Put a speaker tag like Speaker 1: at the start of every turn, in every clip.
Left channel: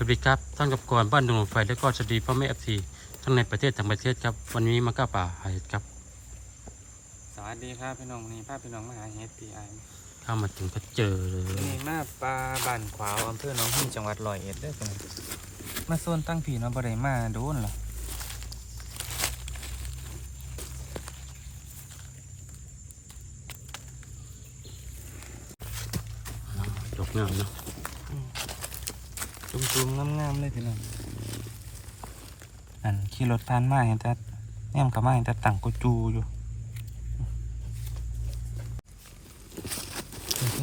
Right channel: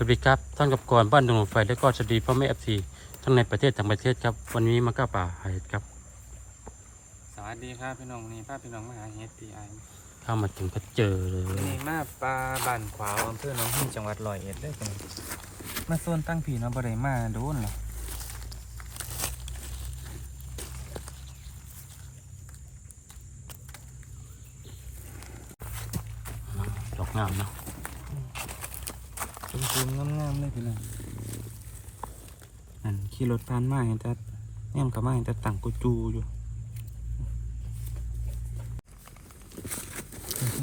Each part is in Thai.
Speaker 1: วัสดีครับท่านกับกรบ้านดงหลวงไฟและก็สวัสดีพ่อแม่เอฟซีทั้งในประเทศต่างประเทศครับ วันนี้มาก้าป่าหาเห็ดครับ
Speaker 2: สวัสดีครับพี่น้องนี่พาพี่น้องมาหาเฮ็ดตีไอ
Speaker 1: เข้ามาถึงก็เจอเลย
Speaker 2: นี่มาปลาบ้านขวาวอำเภอหนองหินจังหวัดร้อยเอ็ดเด้อพี่น้องมาโซนตั้งผีเนาะบ่ได้มาโดนหรอ
Speaker 1: ดอกงามเนาะ
Speaker 2: จุ่มงามๆเลยพี่น้องอันขี่รถผ่านมาเห็นแต่แนมกับมาเห็นแต่ต่างกูจูอยู่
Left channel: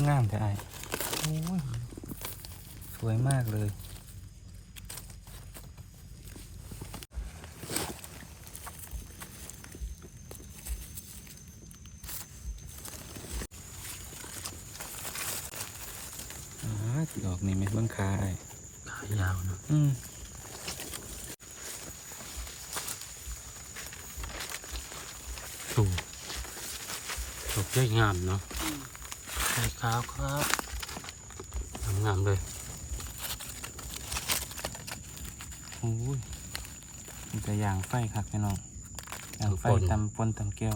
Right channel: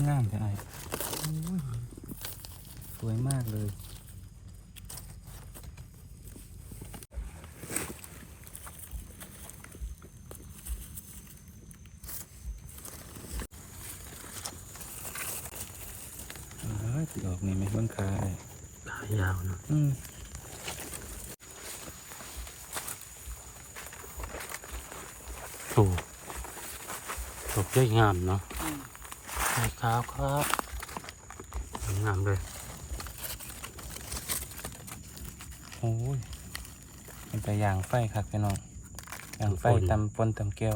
Speaker 2: งามแต่ไอ้สวยมากเลย อ๋อดอกนี่ไม่เบิ่งคาไอ้
Speaker 1: ขายาวเนาะ
Speaker 2: อืม
Speaker 1: ถูกดอกใหญ่งามเนาะใส่ขาวครับงามเลย
Speaker 2: โอ้ยมันจะย่างไฟครับพี่น้องย่างไฟตำปนตำแก้ว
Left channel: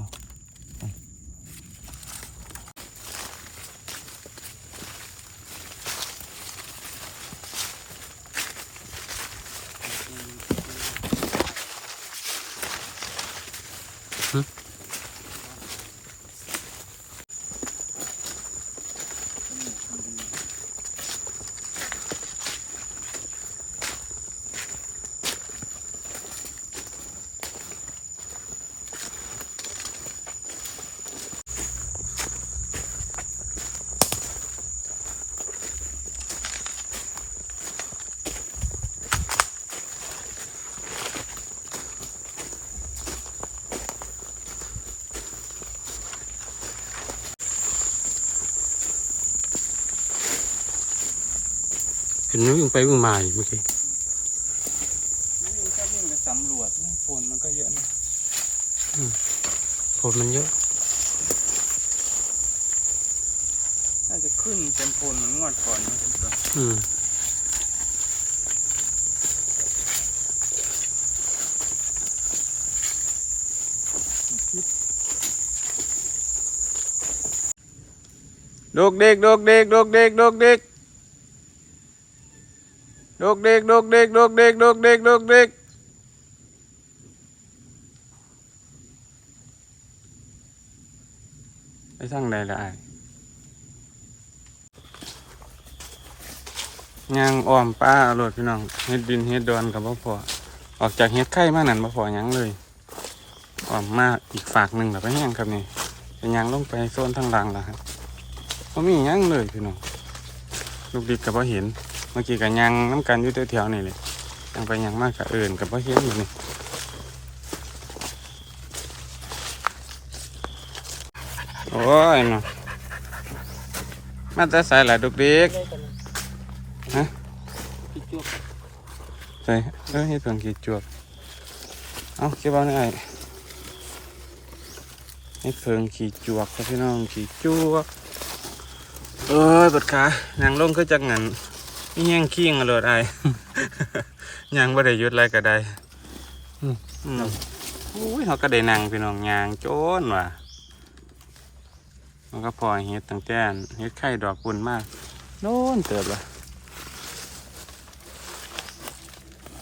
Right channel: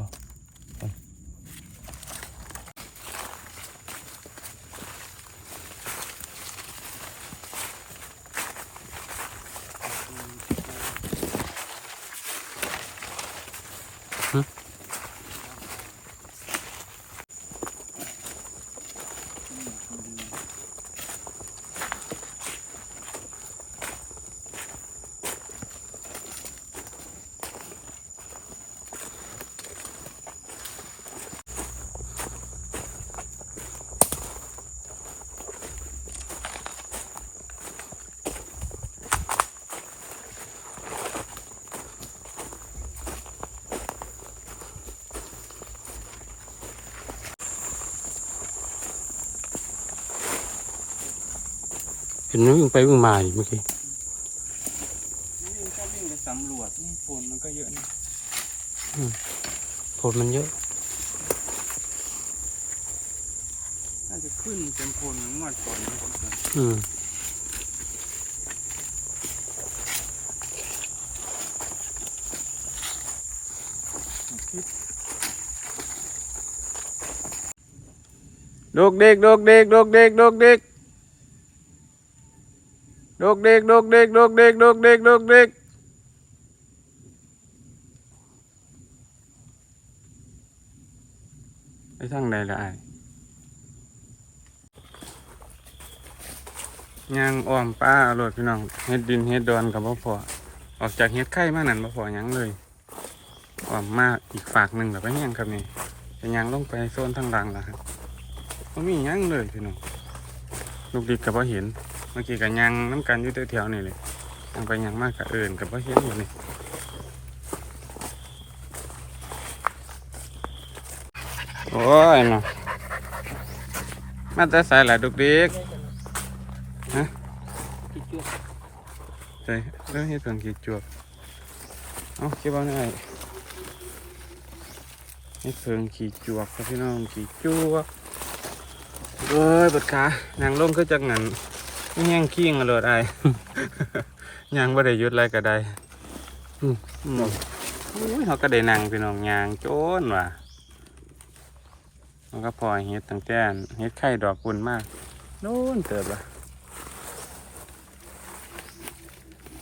Speaker 1: นวิ่งไปวิ่งมาอยู่เมื่อกี้
Speaker 2: วิ่งก็วิ่งไปสำรวจนี่ฝนมันก็เยอะนะ
Speaker 1: ผลมันเยอะ
Speaker 2: น่าจะขึ้นเป็นโพนเหมือนงวดก่อนนะพี่ก่อน
Speaker 1: อืม
Speaker 2: ดกเด็กดกเด็กดกเด็กดกเด็ก ดกเด็กดกเด็กดกเด็กดกเด็กดกเด็กไปทางใดละไอ้ยางอ้อมป้าอร่อยพี่น้องเฮ็ดดินเฮ็ดดอนกับบ่พอออกจากเฮ็ดไข่มานั่นบ่พอยังเลยอ้อมมาอีกฝากหนึ่งแล้วไปแห้งครับนี่เป็นยางลงไปโซนทางหลังแล้วครับบ่มียังเลยพี่น้องลูกดิกกับบ่เห็น เมื่อกี้กับยังน้ำกันอยู่แถวๆนี่เลยยังไปยังมากกับเอินกับบ่อเห็นอยู่นี่โอ้ยเนาะมาแต่ใส่หลายลูกดิกฮะใส่เออเฮ็ดเพิ่งขี้จวบเอาเก็บเอาได้เฮ็ดเพิ่งขี้จวบครับพี่น้องขี้จวบเอ้ยบดขานางลงคือจักงัน นี่แห้งขี้งอรดไอยังบ่ได้ยุดอะไรก็ได้อืออุ้ยเขาก็ได้นั่งพี่น้องยางโจนว่ะมันก็พอเฮ็ดตั้งแต่อันเฮ็ดไข่ดอกปุ่นมากโน่นเติบละ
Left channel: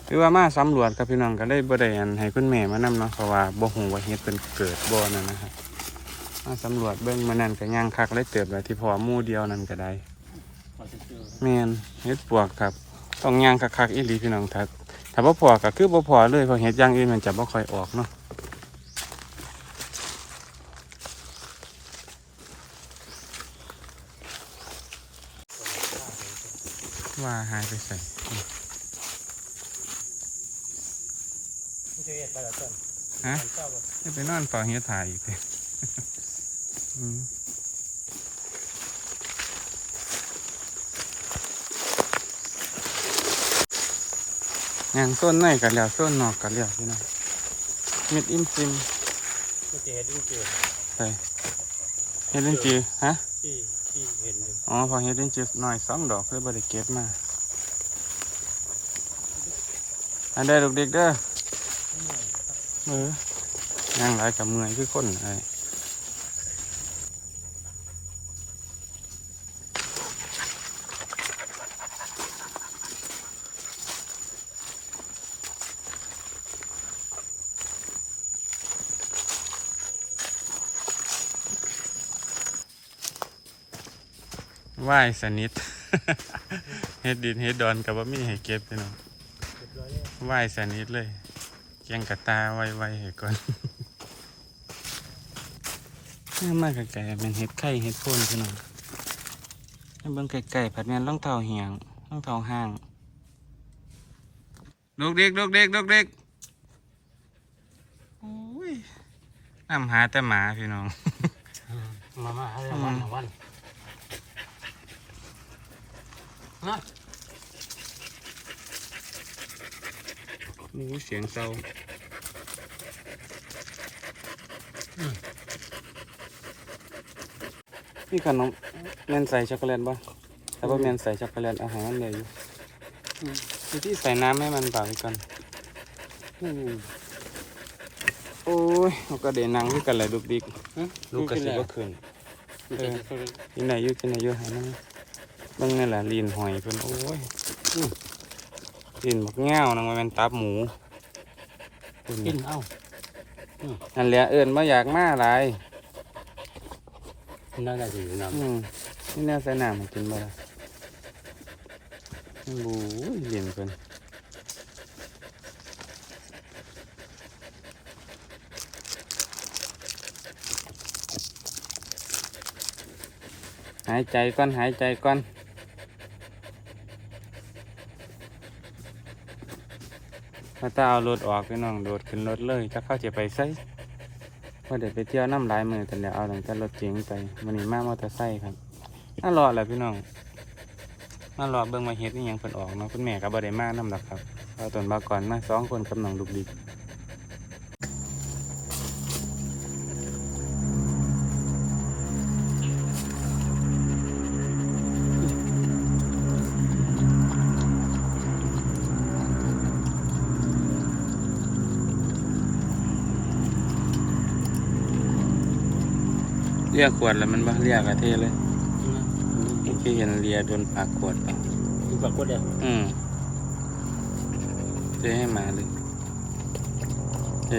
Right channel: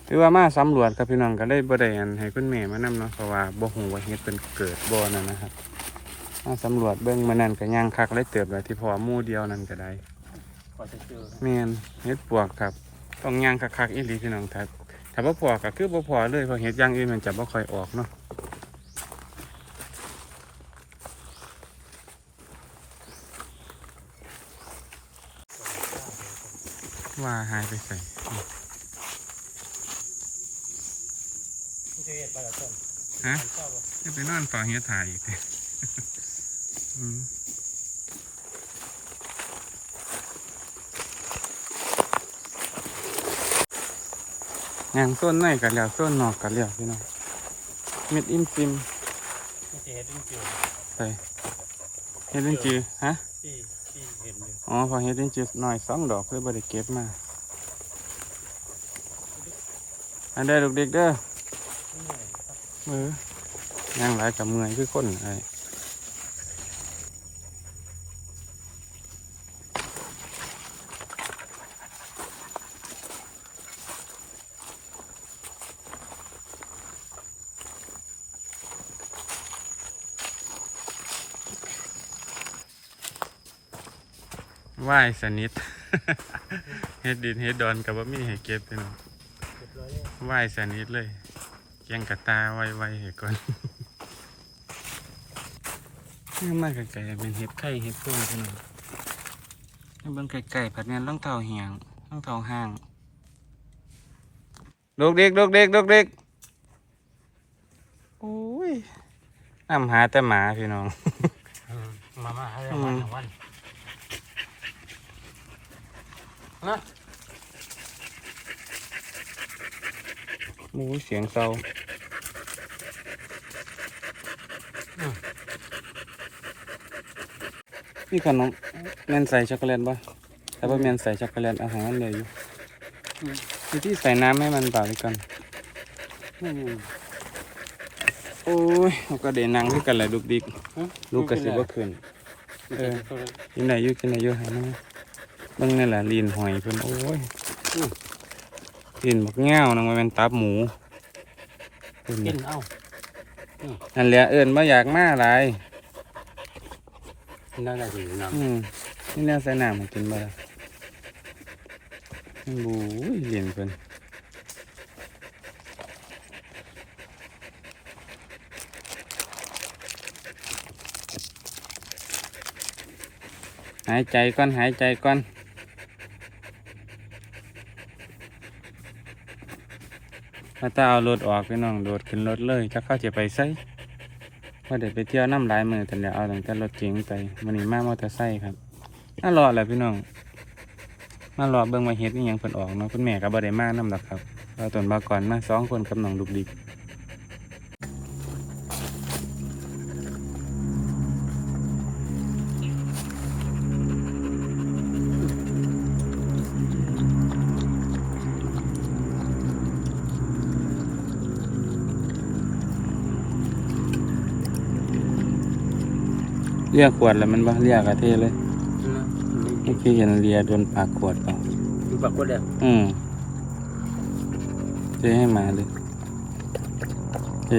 Speaker 2: หรือว่ามาสำรวจครับพี่น้องก็ได้บ่ได้อันให้คุณแม่มานำเนาะเพราะว่าบ่ฮู้ว่าเฮ็ดเป็นเกิดบ่นั่นนะครับมาสำรวจเบิ้งมานั่นก็ย่างคักเลยเติบเลยที่พอมู่เดียวนั่นก็ได้
Speaker 1: ว่าจะเจอ
Speaker 2: แม่นเฮ็ดปวกครับ ต้องย่างคักๆอีหลีพี่น้องถ้าถ้าบ่พอก็คือบ่พอเลยเพราะเฮ็ดอย่างอื่นมันจะบ่ค่อยออกเนาะว่าหายไปใส่
Speaker 1: เจอไปแล้วต้น
Speaker 2: ฮะให้ไปนอนเฝ้าเฮ็ดถ่ายอีกเด้อื มย่างส้นในกันแล้วส้นนอกกันแล้วพี่น้องเม็ดอิ่มซิม
Speaker 1: ไม่เจอเห็ดจริง
Speaker 2: ใส่เฮ็ดลิ้นจือฮะ
Speaker 1: ๆที่ที่เห็นอยู่
Speaker 2: อ๋อพอเฮ็ดลิ้นจือหน่อยสองดอกเพื่อบริเก็บมาอันเด้อลูกเด็กเด้อเออย่างหลายกับเมื่อยคือคนไอ้ ว่ายสนิท เฮ็ดดินเฮ็ดดอนกับว่ามีให้เก็บพี่น้อง
Speaker 1: เรียบร้แส
Speaker 2: นิทเลยเกียงกระตาไวไวๆให้ก่อนนี่มากไกลๆเป็นเห็ดไข่เห็ดพุ่นพี่น้องให้เบิ่งไก่ๆผัดแม่นรองเท้าเหียงรองเท้าห้างดกเด็กดกเด็กดกเด็กโอ้ยนำหาแต่หมาพี่น้อง
Speaker 1: อืมมามาให้รางวัลรางวัล นะ
Speaker 2: โอ้ยเสียงเศร้านี่ขนมแมนใส่ช็อกโกแลตบ่แต่ว่าแมนใส่ช็อกโกแลตเอาใหารมันเลยอยู่วิธีใส่น้ำให้มันเบากัน
Speaker 1: อืม
Speaker 2: โอ้ยลูกก็เดนังคือกันแหละลูกดิก
Speaker 1: อืม
Speaker 2: ลูกกระสิบ่ขึ้น
Speaker 1: เออ
Speaker 2: กินไหนอยู่กินไหนอยู่หามา เบิ่งนี่แหละลีนหอยเพิ่นโอ้ยลีนบักแง่วนึงมันเป็นตับหมูเพิ่น
Speaker 1: กินเอ้า
Speaker 2: นั่นแหละเอิ้นบ่อยากมาหลาย
Speaker 1: ได้ได้ดีนะ
Speaker 2: อืมนี่แนวใส่น้ำมันกินบ่ได้โอ้ยเย็นเพิ่นหายใจก่อนหายใจก่อน ถ้าตาเอารถออกพี่น้องโดดขึ้นรถเลยถ้าเข้าจะไปไสพอเดี๋ยวไปเที่ยวน้ำลายมือแต่เดี๋ยวเอาหลังจากรถเก๋งไปมันนี่มามอเตอร์ไซค์ครับน่ารอดแหละพี่น้องน่ารอดเบิ้งมาเฮ็ดนี่ยังเพิ่นออกเนาะคุณแม่ก็บ่ได้มากนํหนักครับเอาตนมาก่อนมาสองคนกับน้องลูกดิก รียกขวดแล้วมันบ่เรียกอะเท่เลย
Speaker 1: นะ
Speaker 2: เมื่อกี้เห็นเรียโดนปากขวดกัน
Speaker 1: ดูปรากฏแล้ว
Speaker 2: อืมเทให้หมาดิเท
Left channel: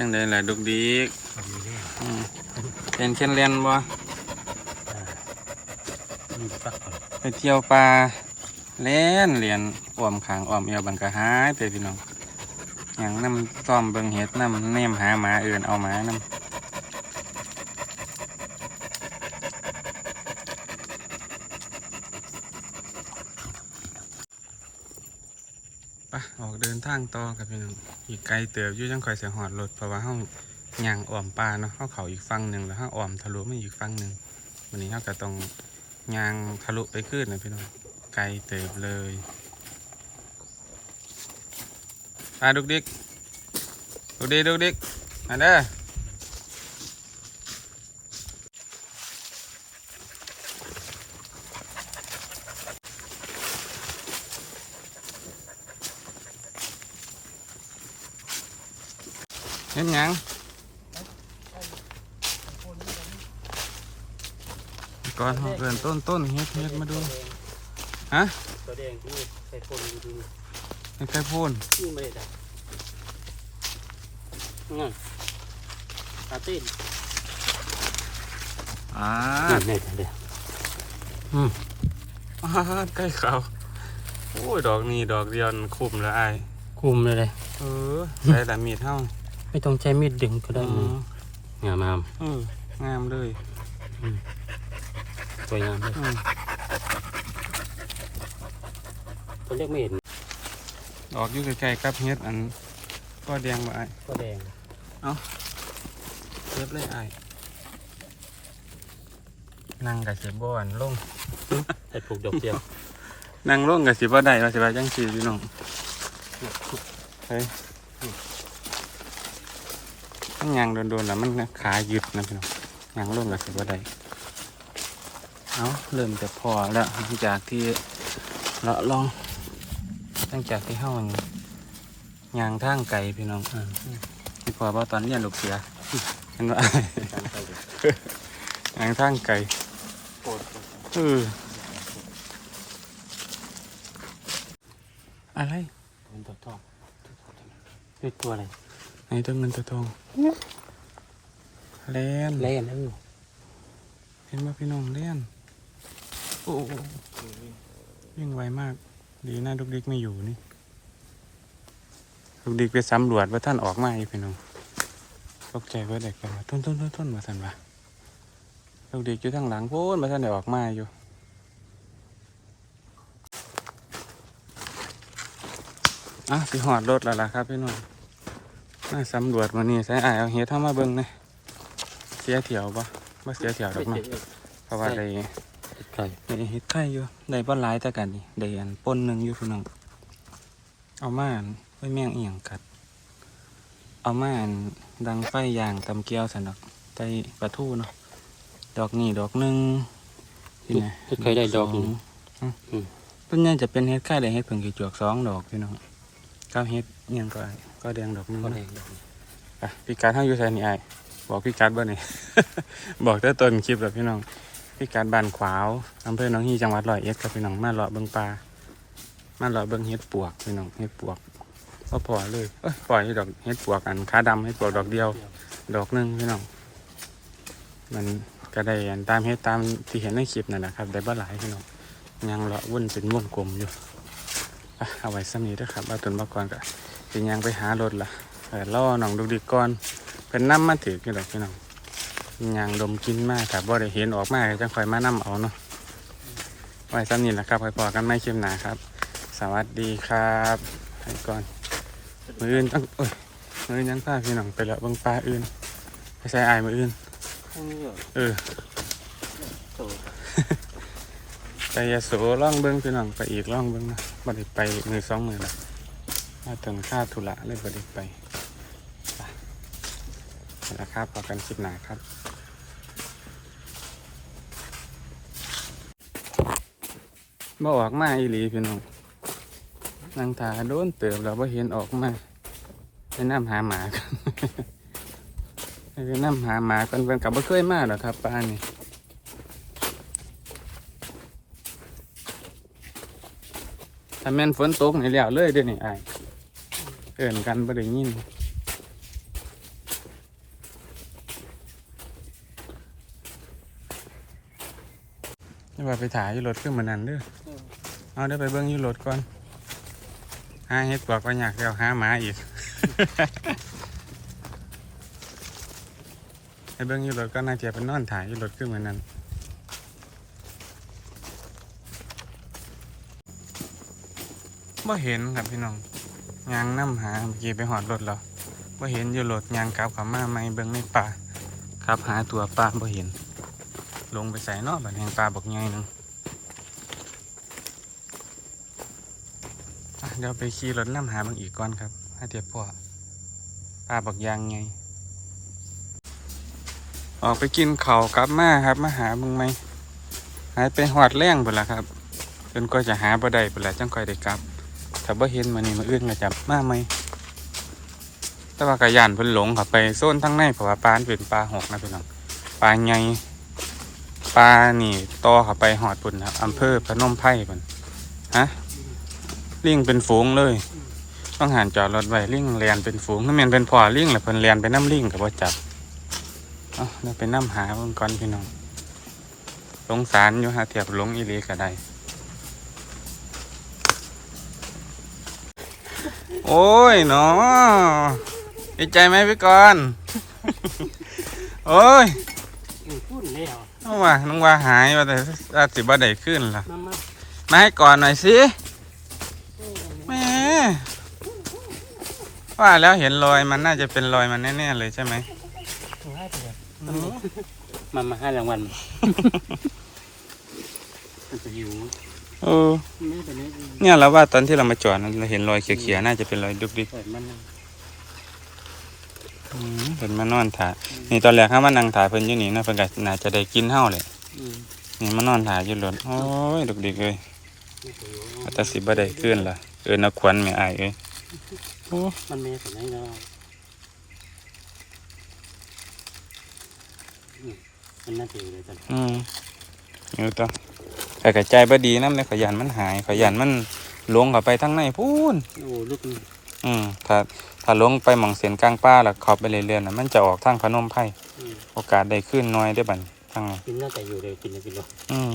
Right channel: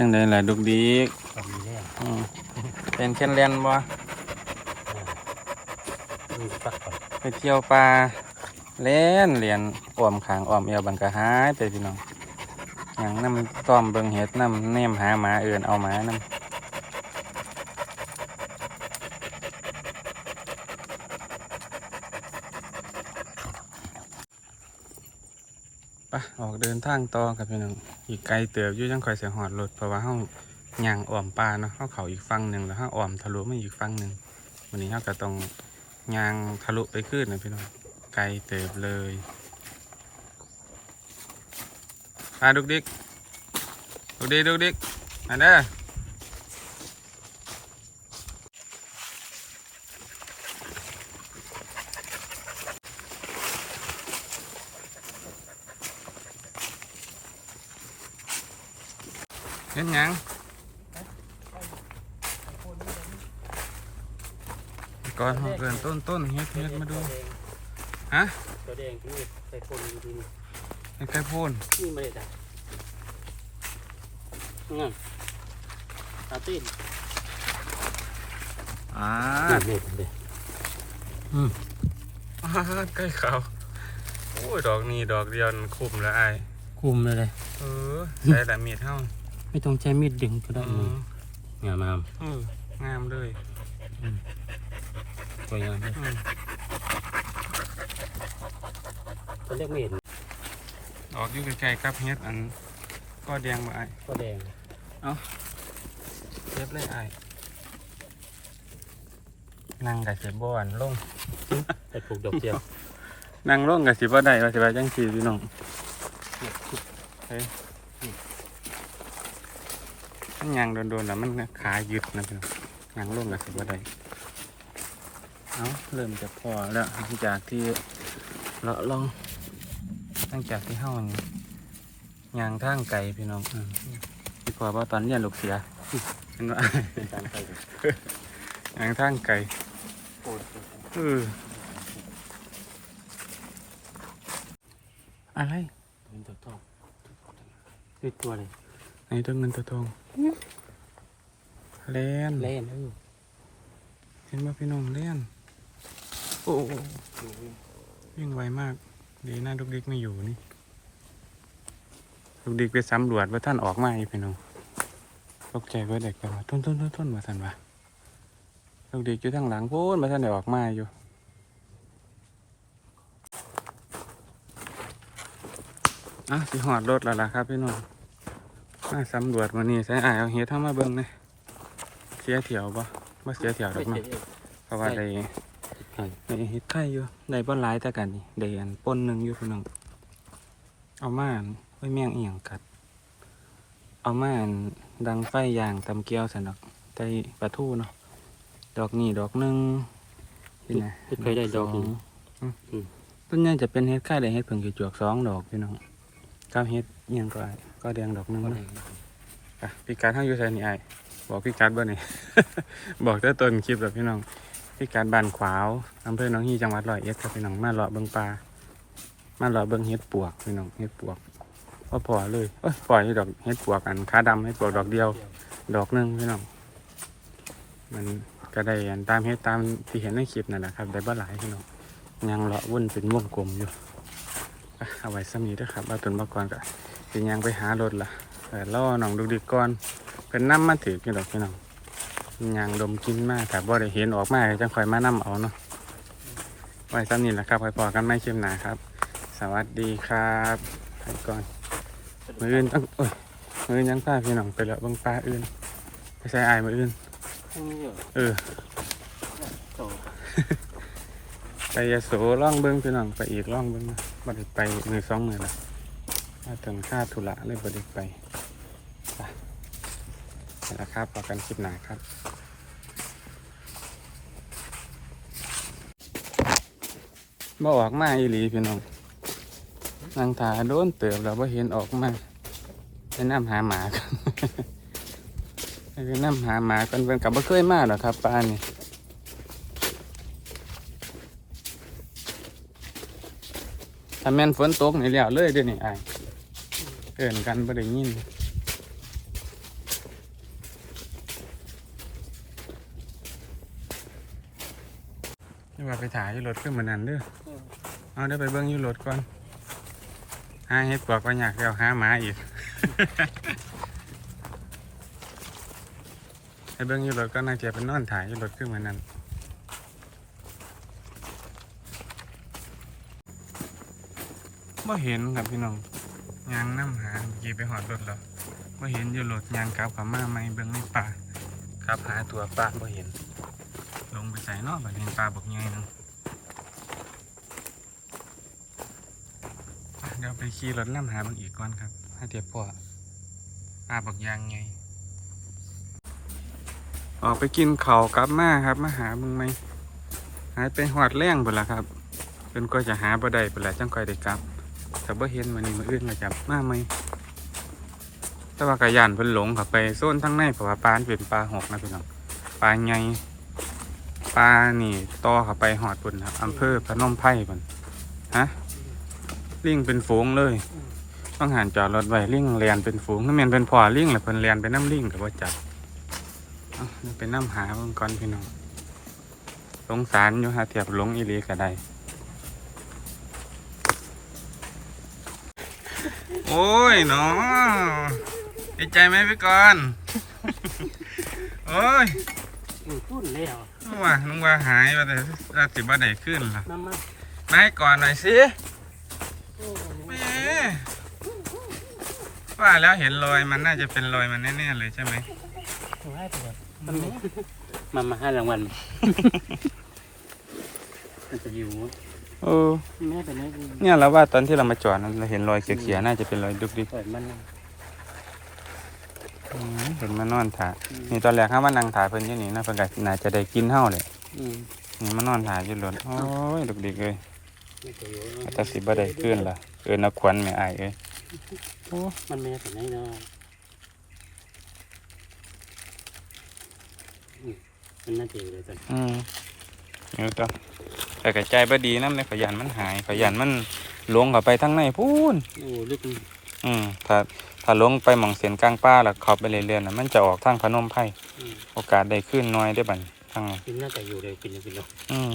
Speaker 2: จังไดล่ะดุกดิก
Speaker 1: ทำดีแน่
Speaker 2: อืมเป็นเช่นเรียนบ่
Speaker 1: ดูปักก่อน
Speaker 2: ไปเที่ยวป่าเล่นเรียนอ้อมขางอ้อมเอวบันกะหายไปพี่น้องอย่างน้ำต้อมเบิงเห็ดน้ำเนมหาหมาเอื่นเอาหมาน้ำ ไปออกเดินทางต่อกับพี่น้องอีกไกลเติบอยู่ยังคอยเสียหอดรถเพราะว่าเฮาย่างอ้อมป่าเนาะเฮาเขาอีกฝั่งหนึ่งแล้วเฮาอ้อมทะลุมาอีกฝั่งหนึ่งวันนี้เฮาก็ต้องย่างทะลุไปขึ้นนะพี่น้องไกลเติบเลยอ่าดุกดิกดุกดิกดุกดิกมาเด้อ เห็นหยังก่อนเกินต้นต้นเฮ็ดเฮ็ดมาดู ฮะ
Speaker 1: ตัวแดงที่ใส่ปนอยู่ดี
Speaker 2: ไม่ใช่พ่น
Speaker 1: นี่ไม่ได้ดับงั้นตาตีน
Speaker 2: อ่า
Speaker 1: นี่นี่เด็
Speaker 2: อ่าใกล้เขาโอ้ย ดอกนี้ดอกเดียวมันคุมแล้วไอ้าย
Speaker 1: คุมเลยเลย
Speaker 2: เออใส่แต่มีดเท่า
Speaker 1: ไม่ต้องใช้มีดดึงก็ได้
Speaker 2: อืม
Speaker 1: งามงาม
Speaker 2: เอองามเลย
Speaker 1: สวยงามเลย
Speaker 2: อืม
Speaker 1: ตัวเรียกไม่เห็น
Speaker 2: ดอกอยู่ใกล้ๆกับเฮ็ดอันก็แดงบ่ไอ้
Speaker 1: ก็แดง
Speaker 2: เก็บเลยไอ้นั่งกับสิบ่อนลง
Speaker 1: แต่ปลูกดอกเดียว
Speaker 2: นั่งลงกับสิบ่ได้ว่าสิว่าจังซี่พี่น้องเฮ้ย มันยางโดนๆแล้วมันขาหยึดนะพี่น้องนั่งลงกับสิบ่ได้เอาเริ่มจะพอแล้วหลังจากที่เลาลองหลังจากที่เฮานี่ยางทางไก่พี่น้องอพี่พอว่าตอนเรียนลูกเสียเห็นว่า
Speaker 1: เป็นการไปเลยา
Speaker 2: งทางไก่เอออะไร
Speaker 1: มันตอทอดตัวอะไร
Speaker 2: ในตัวเงินตัวทองเล่น
Speaker 1: เล่นนั่นอยู่
Speaker 2: เห็นว่าพี่น้องเล่นโอ้โอ้วิ่งไวมาก ดีนะลูกดิกไม่อยู่นี่ลูกดิกไปสำรวจว่าท่านออกมาอีกพี่น้องตกใจว่าเด็กกันว่าต้นต้นต้นต้นมาสันวะลูกดิกอยู่ทางหลังโพ้นมาท่านได้ออกมาอยู่อะสิหอดรถแล้วล่ะครับพี่น้อง มาสำรวจวันนี้ใช้อายเอาเฮ็ดเข้ามาเบิ่งนะเสียเถียวปะว่าเสียเถียวดอกเนาะเพราะว่าได้
Speaker 1: ใช่
Speaker 2: ได้เฮ็ดไข่อยู่ได้บ่หลายแต่กันนี่ได้อันป่นหนึงอยู่พี่น้องเอามาอันไว้แมงอีหยังกัด เอามาอันดังไฟย่างตำเกียวสันดอกใส่ปลาทูเนาะดอกนี่ดอกหนึงนี่นะ
Speaker 1: เคยได้ดอกหนึ่ง
Speaker 2: สองอืมต้นใหญ่จะเป็นเฮ็ดไข่ได้เฮ็ดเพิ่งกี่จวกสองดอกพี่น้องก้าวเฮ็ดอิหยังก็ แดงดอกนึงนะอะพี่การเฮาอยู่ไสนี่อ้ายบอกพี่การบ่นี่ บอกแต่ต้นคลิปแล้วพี่น้องพี่การบานขวาวอำเภอหนองฮีจังหวัดร้อยเอ็ดครับพี่น้องมาเลาะเบิ่งปลามาเลาะเบิ่งเฮ็ดปวกพี่น้องเฮ็ดปวกก็พอเลยเอ้ยปล่อยดอกเฮ็ดปวกอันขาดำเฮ็ดปวกดอกเดียว ดอกหนึงพี่น้องมันก็ได้อันตามเฮ็ดตามที่เห็นในคลิปนั่นแหละครับได้บ่หลายพี่น้องยังเลาะวุ่นเป็นวงกลมอยู่เอาไว้ซ้ำนี้ด้อครับเอาต้นมะกรก็ สิยังไปหารถล่ะเออล่อน้องดูดีก่อนเป็นน้ำมาถือกี่ดอกพี่น้องยางดมกินมากครับว่าได้เห็นออกมาก็จังคอยมานํเอาเนาะไว้ซ้ำนี้แหละครับคอยพอกันไม่เข้มหนาครับ สวัสดีครับไปก่อนมืออื่นต้องโอ้ยมืออื่นยังพาพี่น้องไปแล้วเบางปลาอื่นไปใส่อายมืออื่น
Speaker 1: ข้างนี้อยู่
Speaker 2: เออ
Speaker 1: โต
Speaker 2: ไปยาโสล่องเบิ้งพี่น้องไปอีกล่องเบิ้งนะบ่ได้ไปมือสองมือละ มาถึงค่าธุระเลยบ่ได้ไปไปนี่แหละครับพอกันคลิปหนาครับบ่ออกมาอีหลีพี่น้องนางถาโดนเติบแล้วบ่เห็นออกมาไปนำหาหมากันไปนำหาหมากันเพิ่นกับบ่เคยมาหรอครับป้านี่ถ้าแม่นฝนตกนี่แล้วเลยเด้อนี่อ้ เอิ้นกันบ่ได้ยินนี่ว่าไปถ่ายอยู่รถขึ้นมานั่นเด้อเอาเดี๋ยวไปเบิ้งอยูโรถก่อนหาเฮ็ดปวกก็อยากเดี๋ยวหาหมาอีก ไปเบิ้งอยูโรถก็น่าจะเป็นนอนถ่ายอยูโรถขึ้นมานั้นบ่เห็นครับพี่น้อง ยางน้ำหาเมื่อกี้ไปหอดรถแล้วบ่เห็นอยูโรถยางกลับขับมาไม่เบิ้งในป่าครับหาตัวปลาบ่เห็น ลงไปใส่นอกบัดแห่งปลาบอกไงนึงเดี๋ยวไปขี่รถน้ำหาบางอีกก่อนครับให้เทียบพ่อปลาบักยางไง ออกไปกินเขากลับมาครับมาหามึงไหมหายไปหอดแรงไปละครับจนก็จะหาบ่ได้ไปละจังค่อยได้กลับ ถ้าบ่เห็นมานี่มาอื่นก็จับมาไหมแต่ว่ากระยานเพิ่นหลงเขับไปโซนทั้งในเพราะว่าปลาเป็นปลาหกนะพี่น้องปลาไงปลานี่ต่อเข้าไปหอดปุ่นครับอำเภอพนมไพรปุ่นฮะลิงเป็นฝูงเลย ต้องหันจอดรถไว้ลิงเรียนเป็นฝูงนั่นแมนเป็นพอลิงแหละเพิ่นเรียนไปน้ำลิงกับว่าจับเอาเดี๋ยวไปน้ำหาเบิ่งก่อนพี่น้องสงสารอยู่หาเทียบหลงอีหลีก็ได้ โอ้ยเนาะดีใจไหมพี่กรณ์โอ้ย
Speaker 1: อือพูดแล้ว
Speaker 2: น้องว่าน้องว่าหายว่าแต่อาจสิบ่ได้ขึ้นล่ะ
Speaker 1: น้ำมัน
Speaker 2: มาให้ก่อนหน่อยสิ
Speaker 1: โอ้
Speaker 2: แหมว่าแล้วเห็นรอยมันน่าจะเป็นรอยมันแน่ๆเลยใช่ไหม
Speaker 1: ง่ายไปเลยมามาให้รางวัลมันจะอยู่
Speaker 2: เออ
Speaker 1: แม่ตัวนี้
Speaker 2: เนี่ยเราว่าตอนที่เรามาจอดนั้นเราเห็นรอยเขียวๆน่าจะเป็นรอยดุกดิก
Speaker 1: เปิดมัน
Speaker 2: อืมเห็นมานอนถ่ายนี่ตอนแรกเขามานั่งถ่ายเพิ่นอยู่นี่นะเพิ่นก็น่าจะได้กินเฮาเลย
Speaker 1: อืม
Speaker 2: นี่มานอนถ่ายอยู่รถโอ้ยดุกดิกเลย
Speaker 1: นี่ตัวอยู่
Speaker 2: อาจจะสิบ่ได้ขึ้นล่ะเอิ้นเอาขวัญแม่อายเอ้ยโอ้
Speaker 1: มันแม่ตัวนี้นะอืมมันน่าจะอยู่เลยตอน
Speaker 2: อืมนี่ต่อ แต่กระจายบ่ดีนำในขยันมันหายขยันมันหลงเข้าไปทางในพูน
Speaker 1: โอ้ลึกมัน
Speaker 2: อืมถ้าถ้าลงไปหม่องเสียนกลางป่าแล้วเข้าไปเรื่อยๆน่ะมันจะออกทางพนมไพร
Speaker 1: อืม
Speaker 2: โอกาสได้ขึ้นน้อยได้อบัดทางนั้น
Speaker 1: กินน่าจะอยู่เลยกินเลยกินเลย
Speaker 2: อืม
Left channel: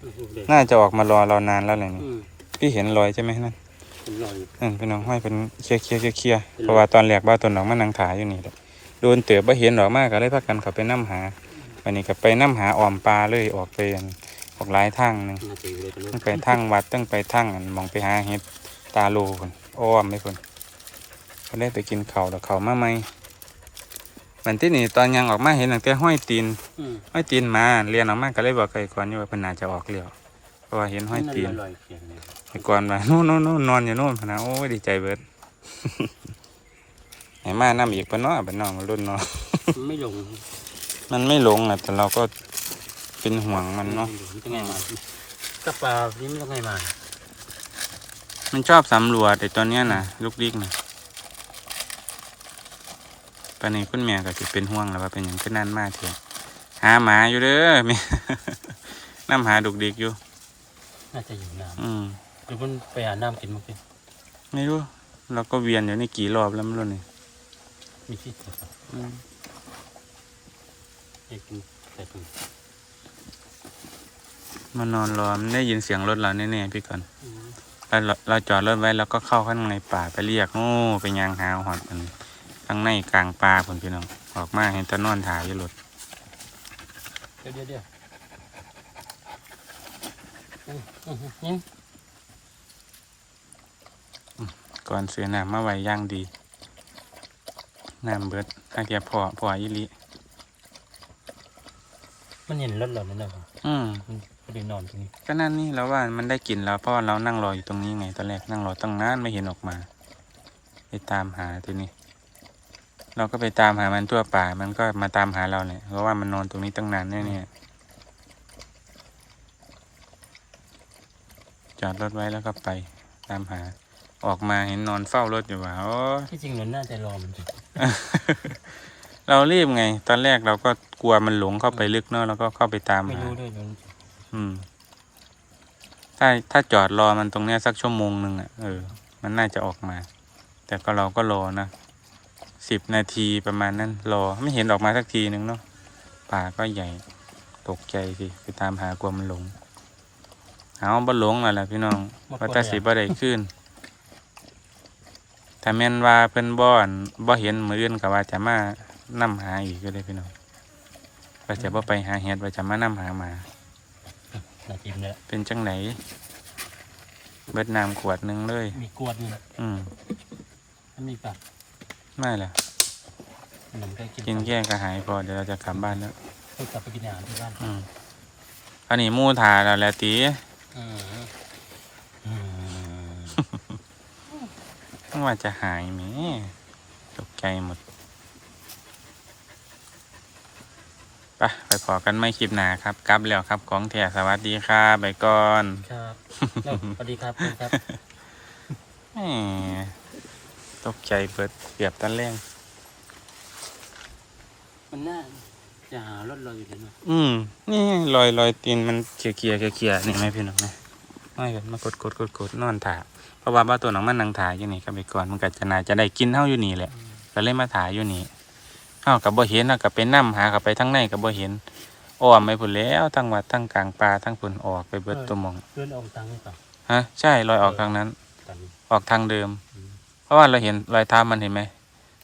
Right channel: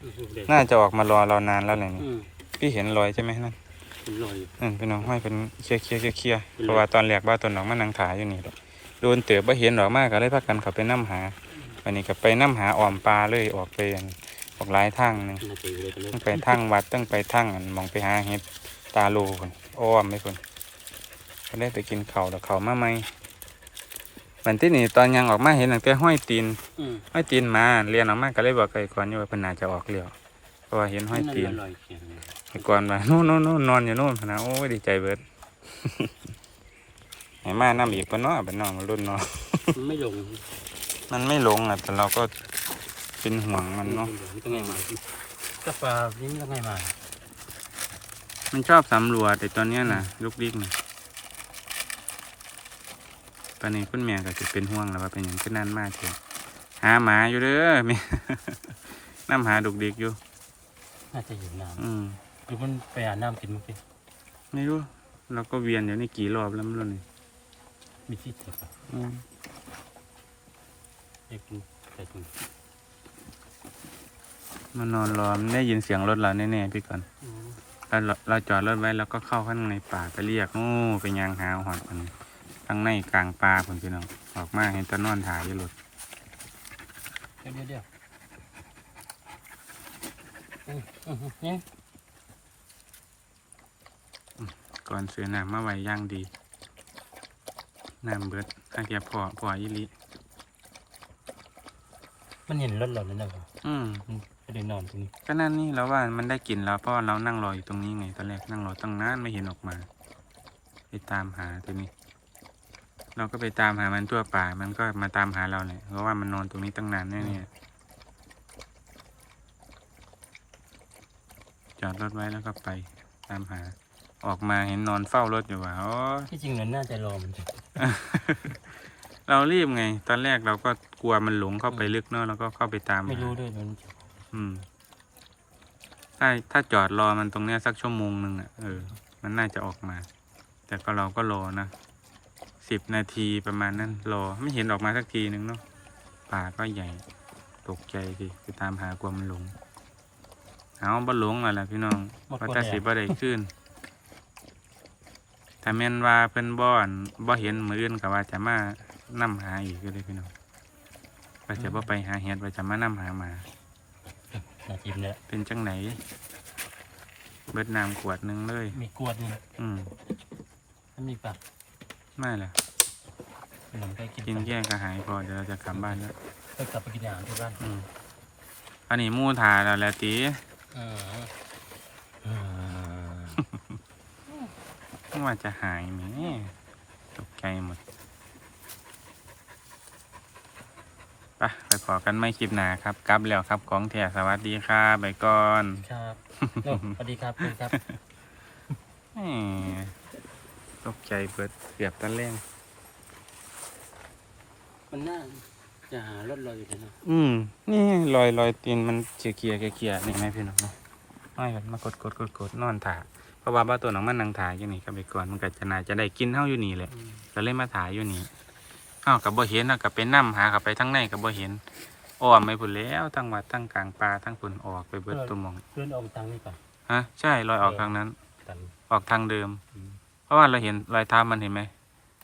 Speaker 1: อยู่เลย
Speaker 2: น่าจะออกมารอเรานานแล้วเลยนี่
Speaker 1: อืม
Speaker 2: พี่เห็นรอยใช่ไหมนั่น
Speaker 1: เป็นรอยอยู่
Speaker 2: อืมพี่น้องห้อยเป็นเคลียร์เคลียร์เคลียร์เคลียร์
Speaker 1: เป็นรอย
Speaker 2: เพราะว่าตอนแรกบ้าตนหลอกมานั่งถ่ายอยู่นี่แหละโดนเตือบบ่เห็นดอกมากก็เลยพากันเขาไปน้ำหา วันนี้ก็ไปน้ำหาอ้อมปลาเลยออกไปอันออกหลายทางหนึง
Speaker 1: น่าจะอยู่เลยตรงนี้
Speaker 2: ตั้งไปทางวัดตั้งไปทางอันมองไปหาเห็ดตาโลคนอ้อมไม่คนก็ได้ไปกินเขาวแล้วเขาวมาไหมวันที่นี่ตอนยังออกมาเห็นตั้งแต่ห้อยตีน
Speaker 1: อืม
Speaker 2: ห้อยตีนมาเรียนออกมาก็เลยบอกไก่ก่อนอยู่ว่าเพิ่นน่าจะออกเลี้ยวเพราะว่าเห็นห้อยตีน
Speaker 1: ลอยเขียงเลย
Speaker 2: ไอ้ก่อนว่านู่นนู่นนู่นนอนอยู่นู่นพะนะโอ้ยดีใจเบิดไอ้มาน้ำอีกปะเนาะเป็นน้องมันรุ่นเนาะ
Speaker 1: มันไม่ลง
Speaker 2: มันไม่ลงอะ แต่เราก็เป็นห่วงมันเนาะ
Speaker 1: มันต้องไงมากับปลานี่มันต้องไงมา
Speaker 2: มันชอบสำรวจไอ้ตัวเนี้ยนะลูกดิกนะปานนี้คุณแม่ก็จะเป็นห่วงแล้วว่าเป็นอย่างขึ้นนั่นมากเถอะหาหมาอยู่เด้อแม่น้ำหาดุกดิกอยู่
Speaker 1: น่าจะอยู่น้
Speaker 2: อืมำ
Speaker 1: หรือมันไปหาน้ำกินมั้งพี่
Speaker 2: ไม่รู้เราก็เวียนอยู่นี่กี่รอบแล้วไม่รู้นี่
Speaker 1: มีที่ตัวปลา
Speaker 2: อืม
Speaker 1: เอกมันใส่ถุง
Speaker 2: มานอนรอมันได้ยินเสียงรถเราแน่ๆพี่ก่อน
Speaker 1: อืม
Speaker 2: แล้วเราเราจอดรถไว้แล้วก็เข้าข้างในป่าไปเรียกโอ้ไปยางหาหอดมันข้างในกลางป่าคนพี่น้องออกมาเห็นแตะนอนถ่ายอยู่รถ
Speaker 1: เดี๋ยวเดี๋ยวเดี๋ยวอืมอืมอืมเนี่ย
Speaker 2: ก่อนซื้อน้ำมาไว้ย่างดีน้ำเบิดถ้าเกียพอพออีหลิ
Speaker 1: มันเห็นรถเรานั่นแหละครับ
Speaker 2: อืม
Speaker 1: มันก็เลยนอนตรงนี้
Speaker 2: ก็นั่นนี่เราว่ามันได้กลิ่นแล้วเพราะว่าเรานั่งรออยู่ตรงนี้ไงตอนแรกนั่งรอตั้งนานไม่เห็นออกมา ไปตามหาทีนี้ เราก็ไปตามหามันทั่วป่า มันก็มาตามหาเราเนี่ยเพราะว่ามันนอนตรงนี้ตั้งนานแน่ๆจอดรถไว้แล้วก็ไปตามหา ออกมาเห็นนอนเฝ้ารถอยู่ว่าโอ้ย
Speaker 1: ที่จริงมันน่าจะรอมันจะ
Speaker 2: เรารีบไง ตอนแรกเราก็กลัวมันหลงเข้าไปลึกเนอะเราก็เข้าไปตาม
Speaker 1: ไม่
Speaker 2: หา
Speaker 1: รู้ด้วยมัน
Speaker 2: อืม ถ้าถ้าจอดรอมันตรงเนี้ยสักชั่วโมงหนึ่งอะเออ มันน่าจะออกมา แต่ก็เราก็รอนะสิบนาทีประมาณนั้น รอไม่เห็นออกมาสักทีหนึ่งเนาะป่าก็ใหญ่ ตกใจสิไปตามหากลัวมันหลง เอาบ่หลงแล้วล่ะพี่น้องว่าแตาสิบ่ได้ขึ้น ถ้าแม่นว่าเพิ่นบ่อนบ่เห็นมืออื่นก็ว่าจะมา นํหาอีกก็ได้พี่น้องว่าจะบ่ไปหาเห็ดว่าจะมานํหาหมา
Speaker 1: น่ากินเลย
Speaker 2: เป็นจังไหนเบิดน้ำขวดหนึงเลย
Speaker 1: มีกวดนี่นะ
Speaker 2: อืม
Speaker 1: มันมีปาก
Speaker 2: ไม่ล่ะ
Speaker 1: มันนำไปกิน
Speaker 2: กินแก้ก็หายพอเดี๋ยวเราจะกลับบ้านแล้ว
Speaker 1: ไปกลับไปกินอาหารที่บ้าน
Speaker 2: อืมอันนี้หมู่ทาแล้วแหละตี
Speaker 1: อืมอืม
Speaker 2: ว่าจะหายไหมตกใจหมด ไปไปพอกันไม่คลิปหนาครับกลับแล้วครับของแท้สวัสดีครับไปก่อน
Speaker 1: ครับแล้วสวัสดีครับคุณครับ
Speaker 2: แหมตกใจเบิดเกือบตะแรง
Speaker 1: มันน่าจะหารถเราอยู่เลยเนาะ
Speaker 2: อืม นี่รอยรอยตีนมันเขียเขียเขียๆนี่ไหมพี่น้องนะไม่กันมากดกดกดกดนอนถ่าเพราะว่าบ้าตัวหนังมันนังถ่ายอยู่นี่ก็ไปก่อนมันก็จะน่าจะได้กินเท่าอยู่นี่แหละก็เลยมาถ่ายอยู่นี่เอ้ากับบ่เห็นนะกับไปนั่หากับไปทั้งในกับบ่เห็นอ้อมไปพุ่นแล้วทั้งวัดทั้งกลางป่าทั้งพุ่นออกไปเบิดตัวหมอง
Speaker 1: เพื่อนออกตังค์ให้ก่อน
Speaker 2: ฮะใช่รอยออกทางนั้น
Speaker 1: ตัน
Speaker 2: ออกทางเดิม
Speaker 1: อืม
Speaker 2: เพราะว่าเราเห็นรอยเท้ามันเห็นไหม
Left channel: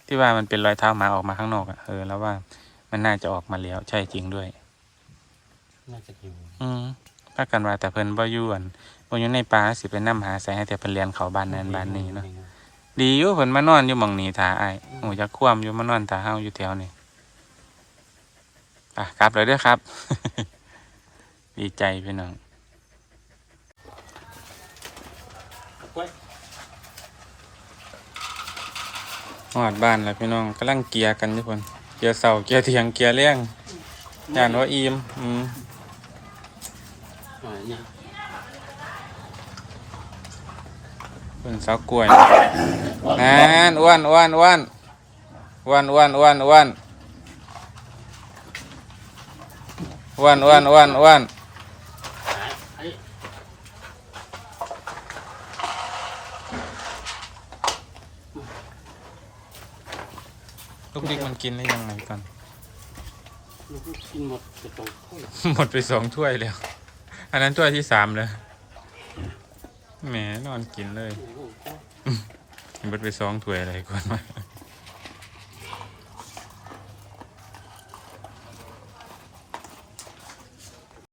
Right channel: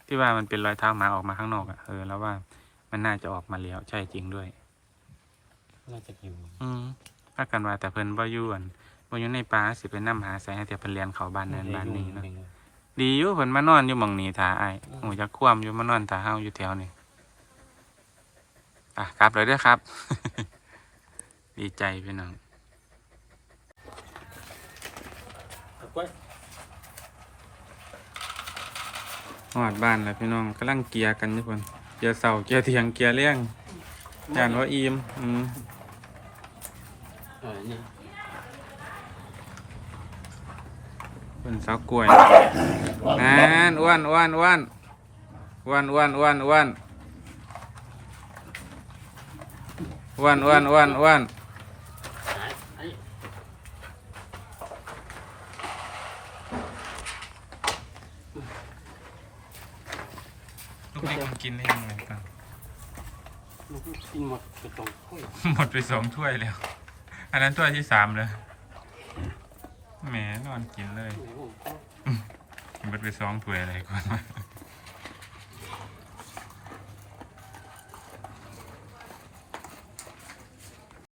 Speaker 2: ที่ว่ามันเป็นรอยเท้าหมาออกมาข้างนอกอะเออแล้วว่ามันน่าจะออกมาแล้วใช่จริงด้วย
Speaker 1: น่าจะหิว
Speaker 2: อืมถ้ากันว่าแต่เพิ่นบ่อยู่อั่นบ่อยู่ในป่าสิไปนํหาใส่ให้แต่เพิ่นเรียนเขาบ้านนั้นบ้านนี้เนาะ ดีอยู่เพิ่นมานอนอยู่หม่องนี้ถาอ้ายโอ้จักคว่ำอยู่มานอนถาเฮาอยู่แถวนี้อะกลับเลยเด้อครับ ดีใจพี่น้อง
Speaker 1: กล้วย
Speaker 2: ฮอดบ้านแล้วพี่น้องกำลังเกียร์กันอยู่เพิ่นเกียร์เสาเกียร์เถียงเกียร์เลี้ยงย่านว่าอิ่มอืม
Speaker 1: เออเนี่ย
Speaker 2: เพิ่นเสากล้วยนั่นอ้วนอ้วนอ้วนอ้วนอ้วนอ้วนอ้วนอ้วนอ้วนอ้วนอ้วน
Speaker 1: ไอ้
Speaker 2: ลูกนี่มันกินได้ยังไงก่อน
Speaker 1: ลูกกินหมดไปตรงถ้วย
Speaker 2: หมดไปสองถ้วยแล้ว อันนั้นถ้วยที่สามเลย แหมนอนกินเลย
Speaker 1: ไหนผมก็
Speaker 2: หมดไปสองถ้วยอะไรก่อนวะ